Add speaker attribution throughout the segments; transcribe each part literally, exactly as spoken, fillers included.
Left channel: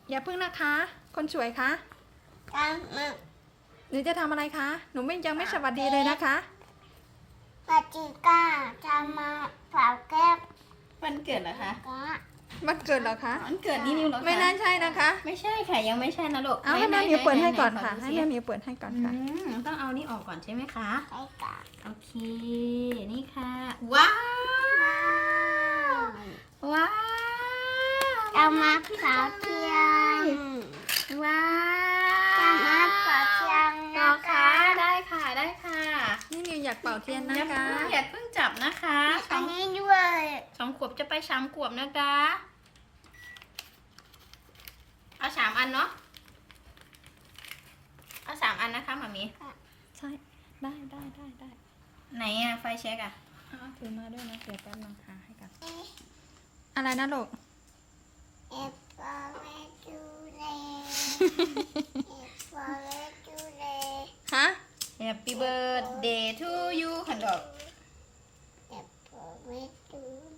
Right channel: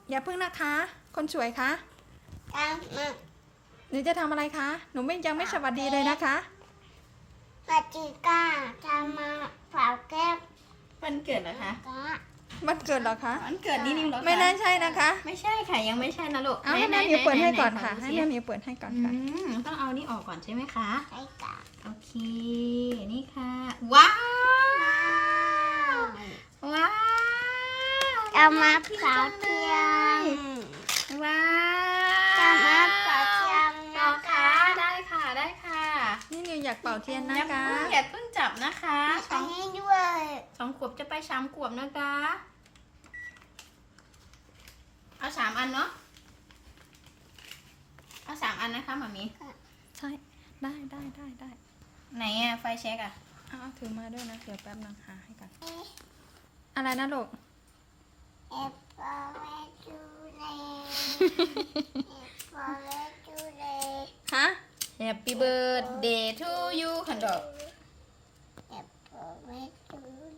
Speaker 1: อย่าพึ่งนะคะ คนสวยคะ
Speaker 2: ทำมา
Speaker 1: หนูจะทำอะไรคะ หนูไม่ยังไม่สวัสดีเลยนะคะ
Speaker 2: ปฏิกาทำมาเผาแก้ว
Speaker 3: วันเกิดเหรอคะ
Speaker 2: ก็
Speaker 1: มันเกิดเหรอคะ
Speaker 3: วันเกิดนี่นิวเหรอคะ
Speaker 1: ไม่น่าใช่นะคะ
Speaker 3: ไม่ใช่ค่ะยังไม่ใช่นะลูก
Speaker 1: เอาให้แม่หมิวเปิดให้ก่อนค่ะ ให้แม่หมิวเปิดให้ก่อนค่ะ
Speaker 3: อืมต้องเอานี่ออกก่อนใช่ไหมคะ
Speaker 2: ไปก่อน
Speaker 3: โอเค นี่ค่ะ ว้าว ว้าว
Speaker 2: ทำมาเผาเทียม
Speaker 3: ว้าว
Speaker 2: ทำมาเผาเทียม
Speaker 3: ต่อ
Speaker 2: นะ
Speaker 3: ค่ะ
Speaker 2: คะ
Speaker 3: ได้ค่ะ ได้ค่ะ
Speaker 1: นี่นิวอยากเป่าเทียนนะ
Speaker 3: อย่า
Speaker 1: คะ
Speaker 3: เพิ่งอย่าเพิ่งจับนะคะส
Speaker 2: อั
Speaker 3: อน ง
Speaker 2: นี้ด้วย
Speaker 3: สองขวบจะไปสามขวบนะคะเอาสามอันเนาะเอาสามอันนะคะหมามี
Speaker 1: ใช่ ได้ได้ได้ได้
Speaker 3: ไหนอะไฟเช็คอะ
Speaker 1: เอาเอาถือมาด้วยนะ เดี๋ยวแป๊บนึงหาให้กัน อะไรนะลูก
Speaker 2: เอฟฟอร์เรจูเลเอฟฟอร์เรจูเล
Speaker 1: ฮะ
Speaker 3: Happy birthday to you คันดอก
Speaker 2: เอฟฟอร์เรจูเล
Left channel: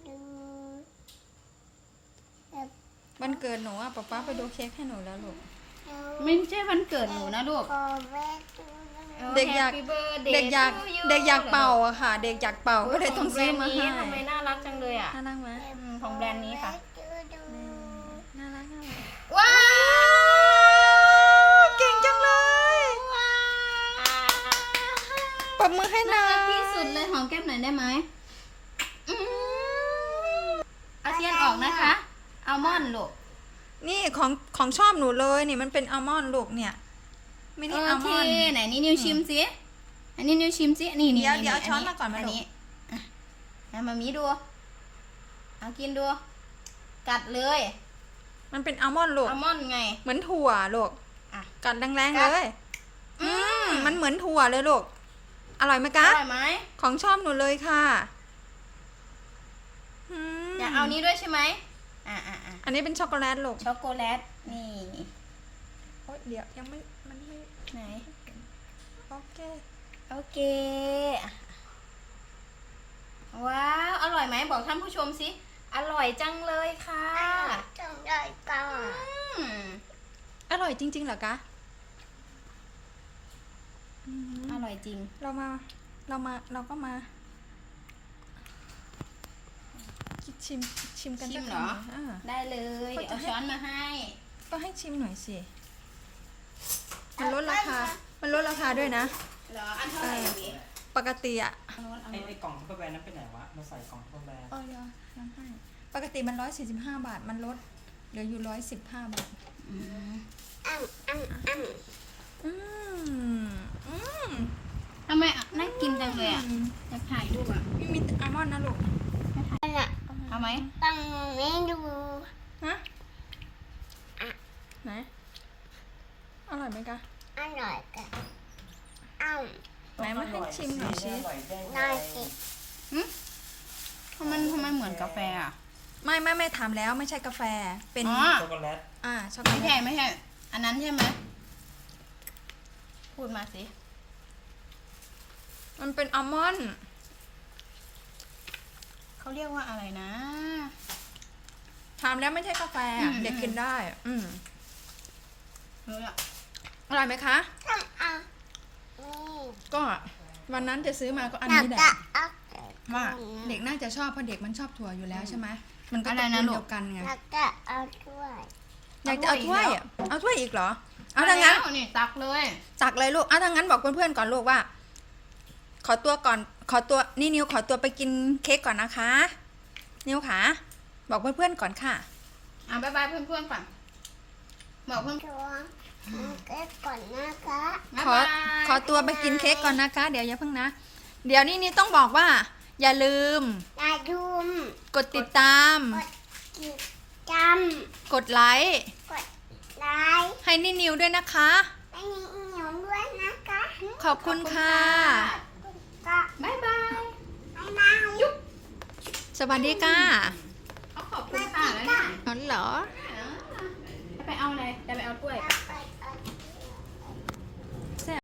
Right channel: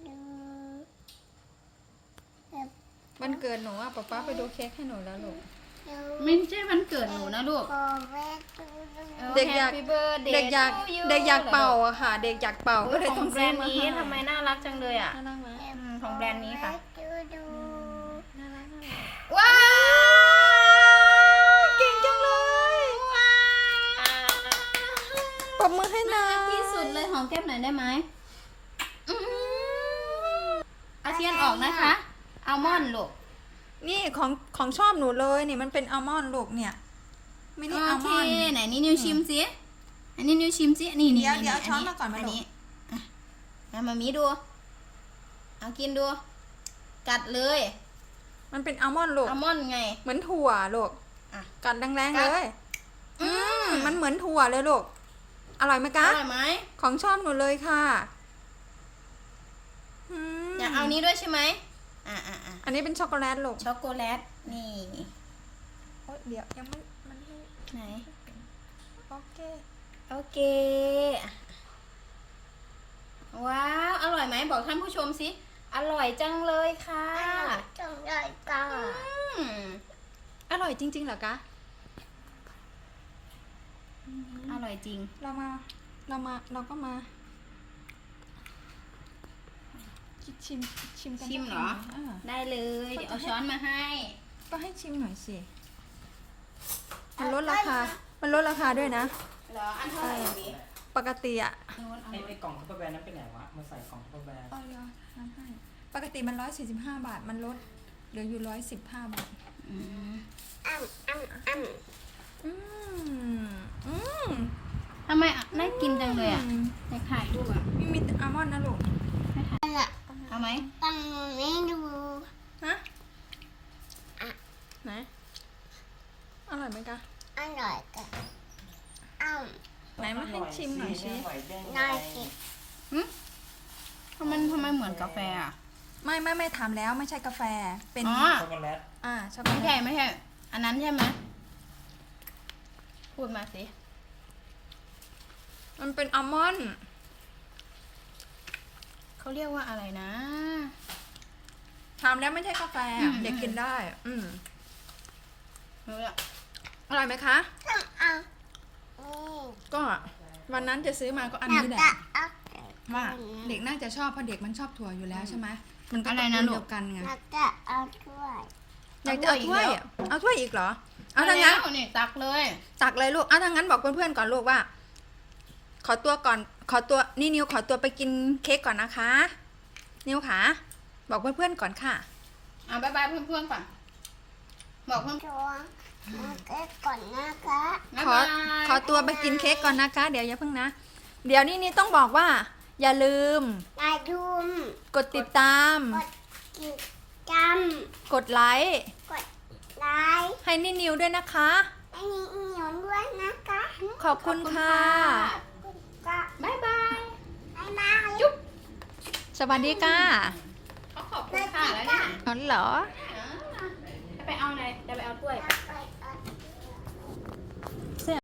Speaker 1: วันเกิดหนูอ่ะป๊าป๊าไปดูเค้กให้หนูแล้วลูก
Speaker 3: ไม่ใช่วันเกิดหนูนะลูก
Speaker 2: ฟอร์เรจูเล
Speaker 1: เด็กอยาก
Speaker 3: Happy birthday
Speaker 1: เด็กอยาก
Speaker 3: to you
Speaker 1: เด็กอยากเป่าอะค่ะ เด็กอยากเป่า
Speaker 3: โอ้ย
Speaker 1: ก็เลยต้องซื้อมา
Speaker 3: ขงแบร
Speaker 1: ให้
Speaker 3: นด์นี้ทำไมน่ารักจังเลยอะ
Speaker 1: น่ารักไหม
Speaker 3: อืมของแบรนด์นี้ค่ะ
Speaker 1: น่ารักน่ารัก
Speaker 3: ว้าว
Speaker 1: เก่งจังเลยปรบมือให้นะ
Speaker 3: น่ารักที่สุดเลยหอมแก้มหน่อยได้ไหมอืมเอาเทียนออกนะคะอัลมอนด์ลูก
Speaker 1: นี่ของของชอบหนูเลยนี่มันเป็นอัลมอนด์ลูกเนี่ย ไม่ได้อัลมอนด์
Speaker 3: โเคไหนนี่นิวชิมสิอันนี้นิวชิมสินี่นี่
Speaker 1: เดี๋ยว
Speaker 3: นี่
Speaker 1: เดี๋ยวเอาช้อนมาก่อนมาลูก
Speaker 3: อ่ะแล้วมามีดูเอากินดู กัดเลย
Speaker 1: มันเป็นอัลมอนด์ลูก
Speaker 3: อัลมอนด์ไง
Speaker 1: เหมือนถั่วลูก
Speaker 3: อ่ะ
Speaker 1: กัดแรง
Speaker 3: กั
Speaker 1: ๆ
Speaker 3: ด
Speaker 1: เลย อืมมันเหมือนถั่วเลยลูก อร่อยไหม
Speaker 3: อ
Speaker 1: คะ
Speaker 3: ร่อยไหม
Speaker 1: ของชอบหนูเลยค่ะอืม
Speaker 3: อยากเอานี้ด้วยใช่ไหมอ่ะอ่ะอ่ะ
Speaker 1: อันนี้เป็นช็อกโกแลตลูก
Speaker 3: ช็อกโกแลตนี่
Speaker 1: โอ๊ยเดี๋ยวยังไม่มันไม่
Speaker 3: ไหน
Speaker 1: โอเค
Speaker 3: โอเคว้าวอร่อยไหมบอกท่านผู้ชมสิอร่อยจังเลยค่ะ
Speaker 2: อร่อยจังเลยก่อน
Speaker 3: อืม
Speaker 1: อร่อยจริงๆเหรอคะอืม
Speaker 3: อร่อยจริง
Speaker 1: เรามา เรามา เราก็มาชิมชิมกัน
Speaker 3: ชิม
Speaker 1: สัก
Speaker 3: เหรอ
Speaker 1: คำนึ่งา
Speaker 3: ได้เลย
Speaker 1: ก็
Speaker 3: เดี๋ยว
Speaker 1: จะให้
Speaker 3: เอาช้อนมาให้
Speaker 1: ก็ให้ชิมหน่อยสิ มันลดราคา มันลดราคาด้วยนะ
Speaker 3: เหรออันเท่าไหร่อย่างนี้
Speaker 1: ปกติอะ
Speaker 3: อันนู้นเอา
Speaker 4: ไอ้ไอ้กล่องทัพเปอร์แวร์นั้นไปไหนวะ มาใส่กล่องทัพเปอร์แวร์
Speaker 1: เออเดี๋ยวน้ำให้ ปกติมันร้อยสี่สิบห้าบาท มันลดเหลืออยู่ร้อยสิบห้าบาท
Speaker 3: อืม
Speaker 2: อ้ำอ้ำอ้ำ
Speaker 1: อืม อืม
Speaker 3: ทำไมอ่ะน่ากินจังเลยอ่ะอยากถ่ายรูปอ่ะ
Speaker 1: มีมีอัลมอนด์นะลูก
Speaker 3: เอาไหม
Speaker 2: ตั้งไม่ดู
Speaker 1: ฮะไหน อร่อยไหมคะ
Speaker 2: อร่อยกันอ้ำ
Speaker 1: ไหนมาให้ชิมหน่อยสิ
Speaker 4: อร่อยได้ไง
Speaker 2: น่ากิน
Speaker 3: ทำไมทำไมเหมือนกาแฟอ่ะ
Speaker 1: ไม่ไม่ไม่ถามแล้วไม่ใช่กาแฟ เป็น
Speaker 3: อ๋อ
Speaker 4: ช็อกโกแลต
Speaker 1: อ่าช็อกโก
Speaker 3: ไม่
Speaker 1: แล
Speaker 3: ใช่
Speaker 1: ต
Speaker 3: ไม่ใช่ อันนั้นใช่ไหม พูดมาสิ
Speaker 1: มันเป็นอัลมอนด์
Speaker 3: เขาเรียกว่าอะไรนะ
Speaker 1: ถามแล้วไม่ใช่กาแฟ
Speaker 3: อืม
Speaker 1: เด็กกินได้ อืม
Speaker 3: เนี่ย
Speaker 1: อร่อยไหมคะ
Speaker 2: ทำเอานี่
Speaker 1: ก็วันนั้นจะซื้อมาก็อันนี้แหละ
Speaker 2: เอา
Speaker 1: ว่าเด็กน่าจะชอบเพราะเด็กมันชอบถั่วอยู่แล้วใช่ไหมมันก็
Speaker 3: อะไร
Speaker 1: ตระ
Speaker 3: นะ
Speaker 1: กูล
Speaker 3: ลูก
Speaker 1: เดียวกันไง
Speaker 2: แล้วก็เอาถ้วย
Speaker 1: อยากจะเอา
Speaker 3: เอาถ้
Speaker 1: ถ้ว
Speaker 3: วย ย
Speaker 1: อ่ะเอาถ้วยอีกเหรอ เอาทางนั้น
Speaker 3: แล้วนี่ตักเลย
Speaker 1: ตักเลยลูก เอาทางนั้นบอกเพื่อนๆก่อนลูกว่า ขอตัวก่อน ขอตัวนี่นิวขอตัวไปกินเค้กก่อนนะคะ นิวขาบอกเพื่อนๆก่อนค่ะ
Speaker 3: อ่ะบ๊ายบายเพื่อนๆก่อน บอกเพื่อน
Speaker 2: ตัวมันก็ก่อนนะคะ
Speaker 3: ๆ
Speaker 1: ขอ
Speaker 3: บ๊ายบาย
Speaker 1: ขอตัวไปกินเค้กก่อนนะคะ เดี๋ยวอย่าเพิ่งนะ เดี๋ยวนี่นี่ต้องบอกว่า อย่าลืม
Speaker 2: นายดุม
Speaker 1: กดติดตาม
Speaker 2: กิจกรรม
Speaker 1: กดไลค์
Speaker 2: กดไลค์
Speaker 1: ให้นี่นิวด้วยนะคะ
Speaker 2: ให้มีอีหนูด้วยนะคะ
Speaker 1: ขอบคุณค่ะ
Speaker 2: ก็
Speaker 3: บ๊ายบาย
Speaker 2: บ๊ายบาย
Speaker 1: สวัสดีค่ะ
Speaker 3: เขาขอบคุณค่ะแล้วเนี่ย
Speaker 1: อ๋อเหรอ
Speaker 3: อ่าไปเอาอะไรจะไปเอากล้วย